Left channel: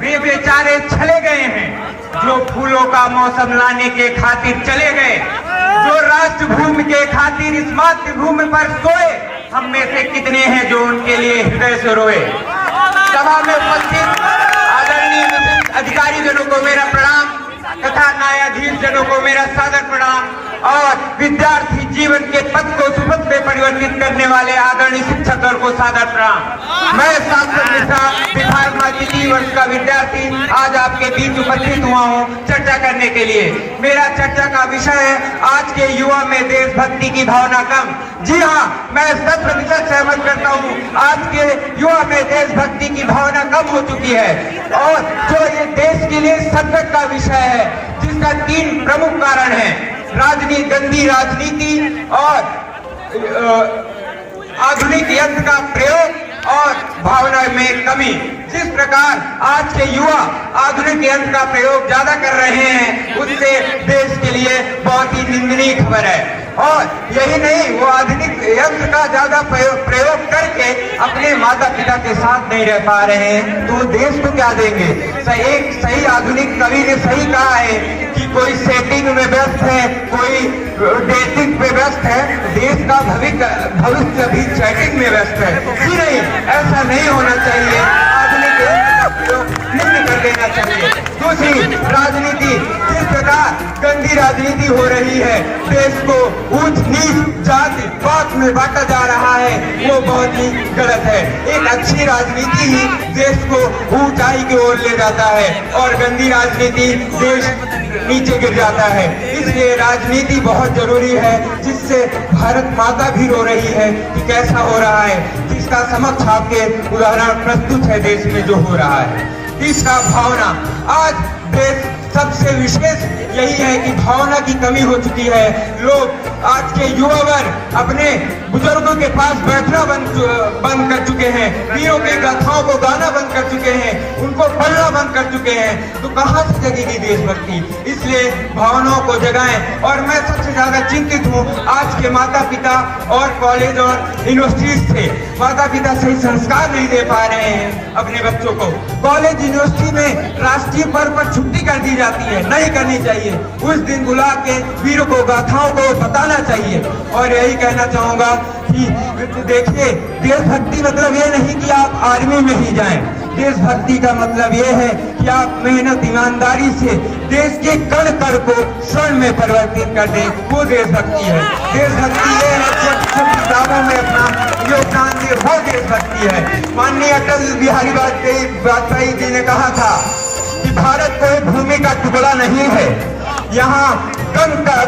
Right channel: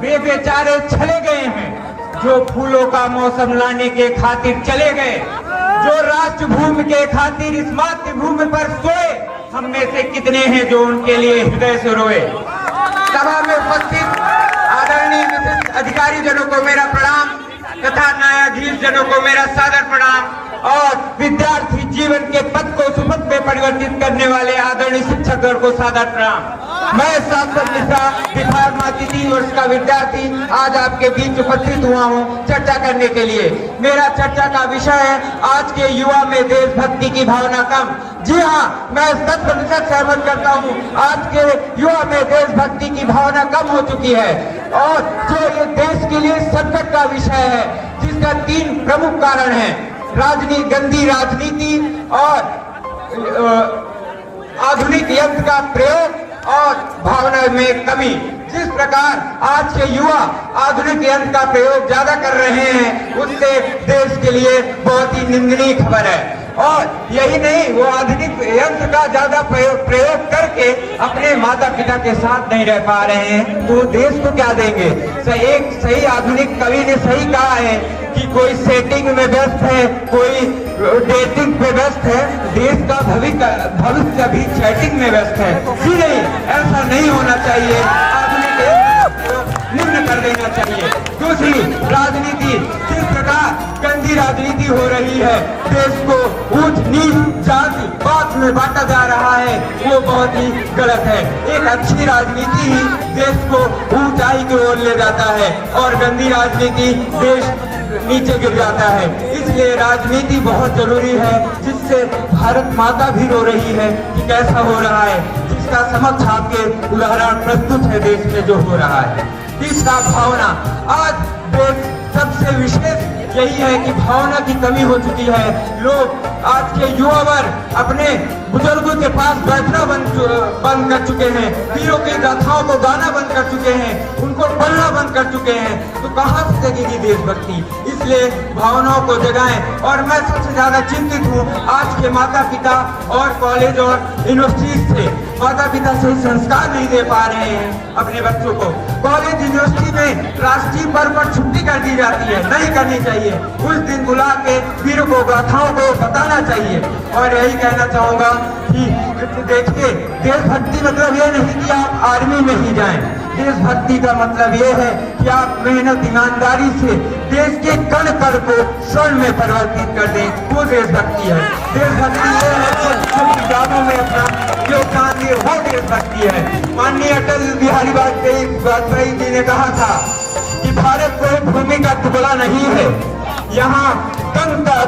वे बेचारे चले गए हैं जो फूलों का मौसम लाने के खातिर चले गए, जो राष्ट्रभूमि के खातिर इस मातृभूमि पर सोए। हम में से कितने हैं जो उनके लिए हृदय से रोए। सभा में उपस्थित आदरणीय अधिकारी जनों को मेरा प्रणाम तथा न्यायाधीश जनों को मेरा सादर प्रणाम और विद्यार्थी जीवन के पथ को सुपथ में परिवर्तित करने वाले आदरणीय शिक्षक दल को सादर प्रणाम। मैं शाश्वत मिश्रा विभाग में तृतीय वर्ष का विद्यार्थी आज आपके बीच उपस्थित हुआ हूँ चर्चा करने के लिए। मेरा चर्चा का विषय है आज के युवा में देशभक्ति की भावना कम। जी हाँ, मैं 100% सहमत करता हूँ। आज के युवा में देशभक्ति की भावना कम हो चुकी है और जो ये देश के लिए संकट का विषय है, जिसका 3 प्रमुख कारण है। राजनीति, गंदी राजनीति और आधुनिक यंत्र का प्रयोग और भावना में कमी। जिस प्रकार आज के युवा आधुनिक यंत्र का प्रयोग ज्यादा कर रहे हैं, उससे देश के लिए बहुत ही निंदनीय खबर है। और यही नहीं, वो आधुनिक यंत्र का ज्यादा प्रयोग करके अपने माता पिता के साथ नहीं रह पा रहे हैं, तो देश को क्या देंगे। एक सही आधुनिक कवि ने सही कहा है कि कोई सेटिंग में व्यस्त है, कोई डेटिंग पे व्यस्त है, देश का भविष्य भी चैटिंग में व्यस्त है। जी नहीं, ऐसा नहीं होना चाहिए। कर देना चाहिए। दूसरी राजनीति, जिस प्रकार गंदी राजनीति हो रही है, देश को ऊंच नीच जाति पात में बांटा जा रहा है, वो बहुत ही गलत है। एक अच्छी राजनीति ही देश को ऊंचाई की ओर ले जाता है और गंदी राजनीति देश नीचे गिर जाता है। इसलिए राजनीति बहुत जरूरी है, जिससे भारत माता भी रो रही है कि कैसा हो रहा है, जिसका समक्ष आपके उदाहरण प्रस्तुत है देश में जो हो रहा है। तीसरा, भावना। आज देश सबसे विशेष यही है कि भावना की कमी हो चुकी है। लोग आज के युवा वर्ग अपने बुजुर्गों के पास बैठना बंद कर चुके हैं, वीरों की गाथाओं को गाना बंद कर चुके हैं, उनको पढ़ना बंद कर चुके हैं। तो कहाँ से जगेगी देशभक्ति। इसलिए भावनाओं को जगाएं। और मैं सबसे ज्यादा चिंतित हूँ आज के माता पिता और कॉलेज और यूनिवर्सिटीज से। माता पिता सही संस्कार नहीं दे पा रहे हैं अपने बच्चों को। कॉलेज यूनिवर्सिटी में राष्ट्रीय पर्व पर छुट्टी कर दी जाती है, नहीं करनी चाहिए। उस दिन बुला के वीरों को गाथाओं को बताना चाहिए। और यही कहना चाहूंगा कि देखिए, देशभक्ति मतलब ये नहीं कि आप आर्मी में ही जाएं। देशभक्ति का मतलब ये है कि आप मेहनत ईमानदारी से देश के कण कण को स्वर्ण में परिवर्तित कर दें, वो देशभक्ति है। देशभक्ति ये है कि दावों में अपना योगदान दे, वो देशभक्ति है। माननीय अटल बिहारी वाजपेयी जी ने कहा था कि भारत कोई भूमि का टुकड़ा नहीं है, यहाँ कंकर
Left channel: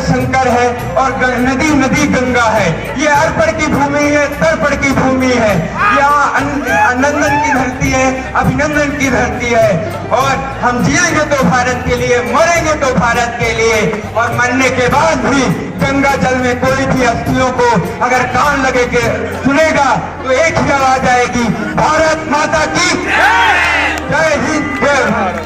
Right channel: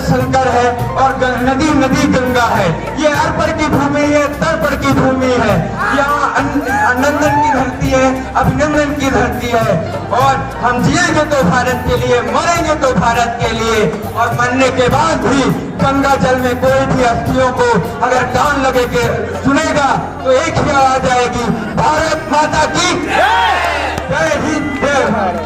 शंकर है और नदी नदी गंगा है। ये अर्पण की भूमि है, तर्पण की भूमि है। यहाँ नंदन की धरती है, अभिनंदन की धरती है। और हम जिएंगे तो भारत के लिए, मरेंगे तो भारत के लिए। और मरने के बाद भी गंगा जल में कोई भी अस्थियों को अगर कान लगे के सुनेगा तो एक ही आवाज आएगी, भारत माता की जय हिंद, जय भारत।